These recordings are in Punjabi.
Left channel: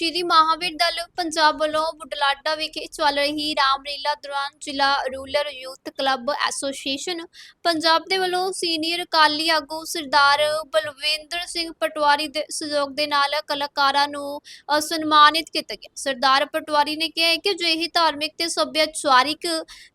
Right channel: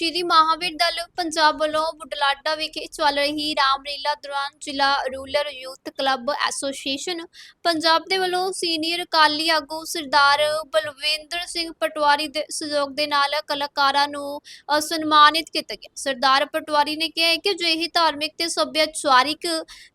ਸ਼੍ਰੀ ਮਹਾਵੀਰ ਦਲ ਪੰਜਾਬ ਵੱਲੋਂ ਬੁਢਲਾਡਾ ਵਿਖੇ ਚੱਲ ਰਹੀ ਰਾਮਲੀਲਾ ਦੌਰਾਨ ਜ਼ਿਲ੍ਹਾ rural youth club association Punjab ਦੇ ਵੱਲੋਂ ਸੀਨੀਅਰ ਅਕਾਲੀ ਆਗੂ ਸਰਦਾਰ ਬਲਵਿੰਦਰ ਸਿੰਘ ਪਟਵਾਰੀ ਦੇ ਸਹਿਯੋਗ ਦੇ ਨਾਲ ਕਲਾਕਾਰਾਂ ਨੂੰ ਸਨਮਾਨਿਤ ਕੀਤਾ ਗਿਆ। ਸਰਦਾਰ ਪਟਵਾਰੀ ਨੇ ਕਿਹਾ ਹੈ ਕਿ ਜੋ ਇਹ ਧਾਰਮਿਕ ਤੇ ਸੱਭਿਆਚਾਰਿਕ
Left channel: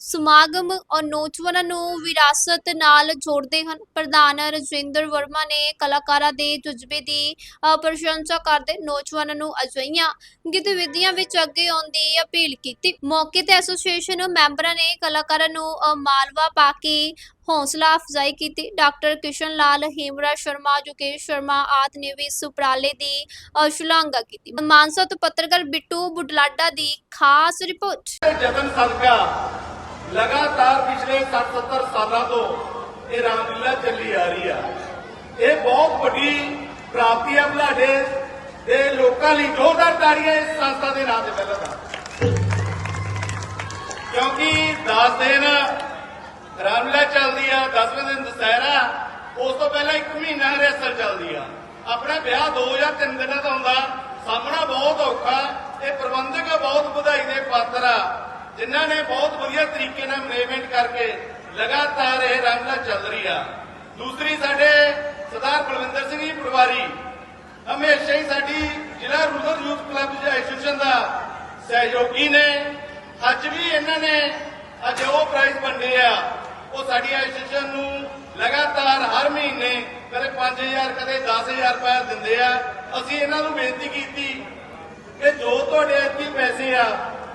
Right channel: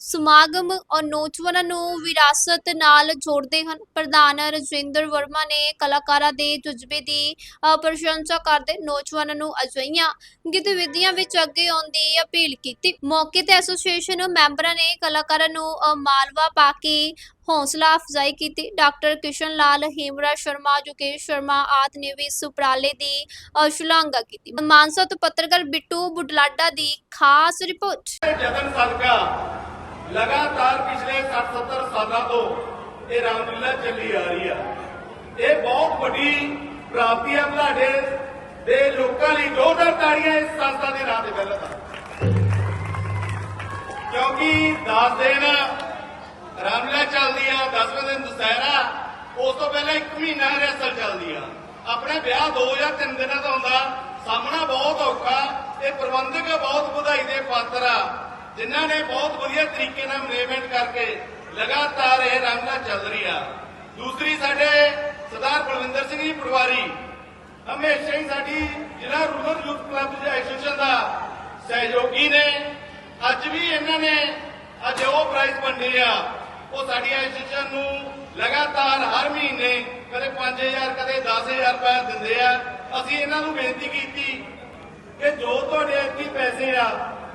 ਸਮਾਗਮ ਔਰ ਨੌਜਵਾਨਾਂ ਨੂੰ ਵਿਰਾਸਤ ਨਾਲ ਜੋੜਦੇ ਹਨ। ਪ੍ਰਧਾਨ ਰਜਿੰਦਰ ਵਰਮਾ ਨੇ ਕਲਾਕਾਰਾਂ ਦੇ ਜਜ਼ਬੇ ਦੀ ਪ੍ਰਸ਼ੰਸਾ ਕਰਦੇ ਨੌਜਵਾਨਾਂ ਨੂੰ ਅਜਿਹੀ ਅਜਿਹੀਆਂ ਗਤੀਵਿਧੀਆਂ ਵਿੱਚ ਅੱਗੇ ਆਉਣ ਦੀ ਅਪੀਲ ਕੀਤੀ। ਮੌਕੇ ਤੇ ਐਸੋਸੀਏਸ਼ਨ ਮੈਂਬਰਾਂ ਨੇ ਕਲਾਕਾਰਾਂ ਨੂੰ ਅ, ਮਾਲਵਾ ਪਾ ਕੇ ਹੌਸਲਾ ਅਫਜ਼ਾਈ ਕੀਤੀ। ਡਾਕਟਰ ਕਿਸ਼ਨ ਲਾਲ ਹੇਮਰਾ ਸ਼ਰਮਾ ਜੁਕੇਸ਼ ਸ਼ਰਮਾ ਆਦਿ ਨੇ ਵੀ ਇਸ ਉਪਰਾਲੇ ਦੀ ਅ, ਸ਼ਲਾਘਾ ਕੀਤੀ। ਮਾਨਸਾ ਤੋਂ ਪੱਤਰਕਾਰ ਬਿੱਟੂ ਬੁਢਲਾਡਾ ਦੀ ਖਾਸ ਰਿਪੋਰਟ। ਜਤਨ ਸਦਕਾ ਲਗਾਤਾਰ ਪਿਛਲੇ 70 ਸਾਲਾਂ ਤੋਂ ਇਹ ਰਾਮਲੀਲਾ ਚੱਲੀ ਆ ਰਹੀ ਆ। ਇਹ ਬਹੁਤ ਵੱਡੀ ਪ੍ਰਾਪਤੀ ਹੈ। ਤੁਹਾਡੇ ਦੇ ਲੋਕਾਂ ਲਈ ਜੋਰਦਾਰ ਤਾੜੀਆਂ ਇਸ ਸੰਸਥਾ ਦੇ ਨਾਂ ਤੇ ਪਹਿਲਾਂ ਕਿਉਂਕਿ 10 ਦਿਨ ਰਾਮਲੀਲਾ ਚੱਲਦੀ ਆ 10ਵੇਂ ਦਿਨ ਦੁਸਹਿਰਾ, ਉਸ ਤੋਂ ਪਹਿਲਾਂ ਇੱਕ ਮਹੀਨਾ ਰੈਸਲ ਚੱਲਦੀ ਆ। ਆਪਣਾ ਵਿਆਹ 2 ਜਾਂ 3 ਦਿਨਾਂ ਦਾ ਹੁੰਦਾ ਸਾਹਮਣਾ ਬਹੁਤ ਔਖਾ ਇਹ ਪ੍ਰਬੰਧਕ ਬਹੁਤ ਵਧਾਈ ਦੇ ਪਾਤਰ ਆ, ਜਿਨ੍ਹਾਂ ਨੇ ਬਹੁਤ ਵਧੀਆ ਤਰੀਕੇ ਨਾਲ ਮੈਨੇਜਮੈਂਟ ਕਰਕੇ ਲਗਾਤਾਰ ਇਹ ਰਾਮਲੀਲਾ ਚੱਲ ਰਹੀ ਆ। ਦੂਸਰੀ ਸਾਡੇ ਸਰਦਾਰ ਬਲਵਿੰਦਰ ਸਿੰਘ ਜੀ ਪਟਵਾਰੀ ਹਮੇਸ਼ਾ ਹੀ ਸਾਡੀ ਜ਼ਿਲ੍ਹਾ ਰੂਰਲ ਯੂਥ ਕਲੱਬ ਦੇ ਐਸੋਸੀਏਸ਼ਨ ਦਾ ਸਹਿਯੋਗੀ ਨੇ। ਅੱਜ ਵੀ ਇਹਨਾਂ ਨੇ ਅੱਜ ਉਹ ਪ੍ਰਾਈਜ਼ ਵੰਡੇ ਆ। ਉਹ ਸਾਡੀ ਐਸੋਸੀਏਸ਼ਨ ਨੂੰ ਲਗਾਤਾਰ ਹਰ ਮਹੀਨੇ ਕਦੇ 5000 ਕਦੇ 10000 ਰੁਪਏ ਦਿੰਦੇ ਆ। ਅਸੀਂ ਇਹਨਾਂ ਨੂੰ ਬੇਨਤੀ ਕੀਤੀ ਕਿ ਜੋ ਤੁਹਾਡੇ ਇੱਥੇ ਪੈਸੇ ਆ,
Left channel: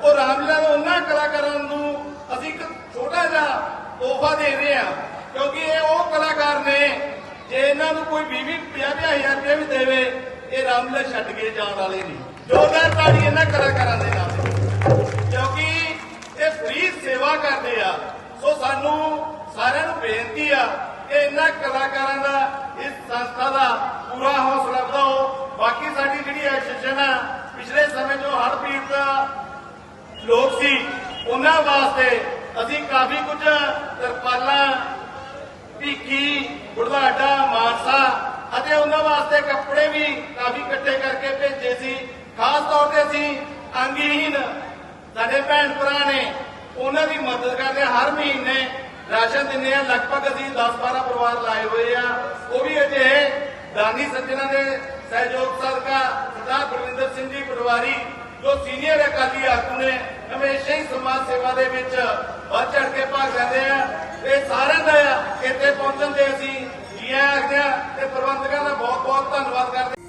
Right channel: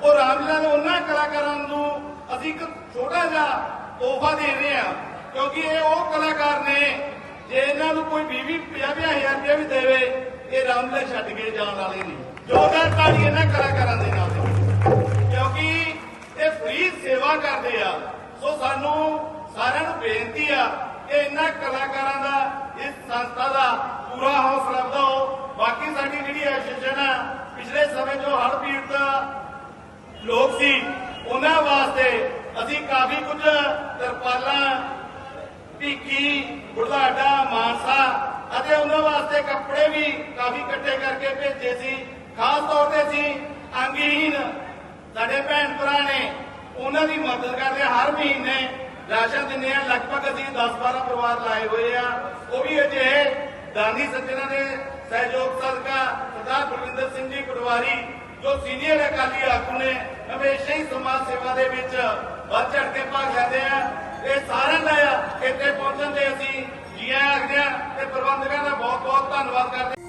ਉਹ ਰਾਮਲੀਲਾ ਨੂੰ ਉਹਨਾਂ ਕਲਾਕਾਰਾਂ ਨੂੰ ਅਸੀਂ ਇੱਕ ਛੋਟਾ ਜਿਹਾ ਤੋਹਫਾ ਦੇ ਰਹੇ ਆ। ਕਿਉਂਕਿ ਇਹ ਉਹ ਕਲਾਕਾਰ ਨੇ ਜੇ ਇਹਨਾਂ ਨੂੰ ਕੋਈ 20 50 ਹਜ਼ਾਰ ਰੁਪਏ ਵੀ ਦੇਵੇ ਇਹ ਰਾਮਲੀਲਾ ਛੱਡ ਕੇ ਜਾਣ ਵਾਲੇ ਨਹੀਂ। ਜੋਰਦਾਰ ਤਾੜੀ ਇਹਨਾਂ ਕਲਾਕਾਰਾਂ ਦੇ ਨਾਲ ਕਿਉਂਕਿ ਇਹ ਫ੍ਰੀ ਸੇਵਾ ਕਰਦੇ ਆ। ਸੋ ਸਾਨੂੰ ਸਾਰਿਆਂ ਨੂੰ ਬੇਨਤੀ ਆ ਕਿ ਇਹਨਾਂ ਕਲਾਕਾਰਾਂ ਦਾ, ਇਸ ਸੰਸਥਾ ਦਾ ਪੂਰਾ ਹੌਸਲਾ ਦਿਓ ਬਾਕੀ ਸਾਡੀ ਜਿਹੜੀ ਐਸੋਸੀਏਸ਼ਨ ਆ, ਪਿਛਲੇ ਸਮੇਂ ਤੋਂ ਹੜ੍ਹ ਪੀੜਤ ਦਾ ਲੋਕ ਸੀ, ਉਹਨਾਂ ਵਾਸਤੇ ਅਸੀਂ ਕਾਫੀ ਕੁਝ ਤਰਪਾਲਾਂ, ਭੀਖੀ, ਬੁਢਲਾਡਾ ਅਤੇ ਉਹਨਾਂ ਵਾਸਤੇ ਕੱਪੜੇ ਵੀ ਕਾਫੀ ਇਕੱਠੇ ਕਰਕੇ ਭੇਜੇ ਸੀ। ਖਾਸ ਤੌਰ ਤੇ ਅਸੀਂ ਅੰਗਹੀਨ ਸਾਡੇ ਭੈਣ ਭਰਾ ਨੇ, ਉਹਨਾਂ ਦੀ ਮਦਦ ਕਰਦੇ ਹਰ ਮਹੀਨੇ ਰਾਸ਼ਨ ਦਿੰਦੇ ਆ ਲਗਭਗ ਅਸੀਂ 10-12 ਪਰਿਵਾਰ ਲਾਏ ਹੋਏ ਆ। ਉਹ ਵੀ ਅਜੇ ਦਾਨੀ ਸੱਜਣਾ ਦੇ ਸਹਿਯੋਗ ਸਦਕਾ ਸਰਦਾਰ ਗੁਰਵਿੰਦਰ ਸਿੰਘ ਜੀ ਪਟਵਾਰੀ, ਜੋ ਸੀਨੀਅਰ ਅਕਾਲੀ ਆਗੂ ਨੇ, ਹਮੇਸ਼ਾ ਹੀ ਸਮਾਜ ਸੇਵਾ ਦੇ ਵਿੱਚ ਵੱਧ ਚੜ ਕੇ ਭਾਗ ਲੈਂਦੇ ਆ। ਇਹ ਸਾਰਿਆਂ ਦਾ ਇੱਥੇ ਪਹੁੰਚਣ ਦੇ ਅਸੀਂ ਹਾਂ ਤੇ ਪ੍ਰਬੰਧਕਾਂ ਦਾ ਬਹੁਤ ਬਹੁਤ ਧੰਨਵਾਦ ਕਰਦੇ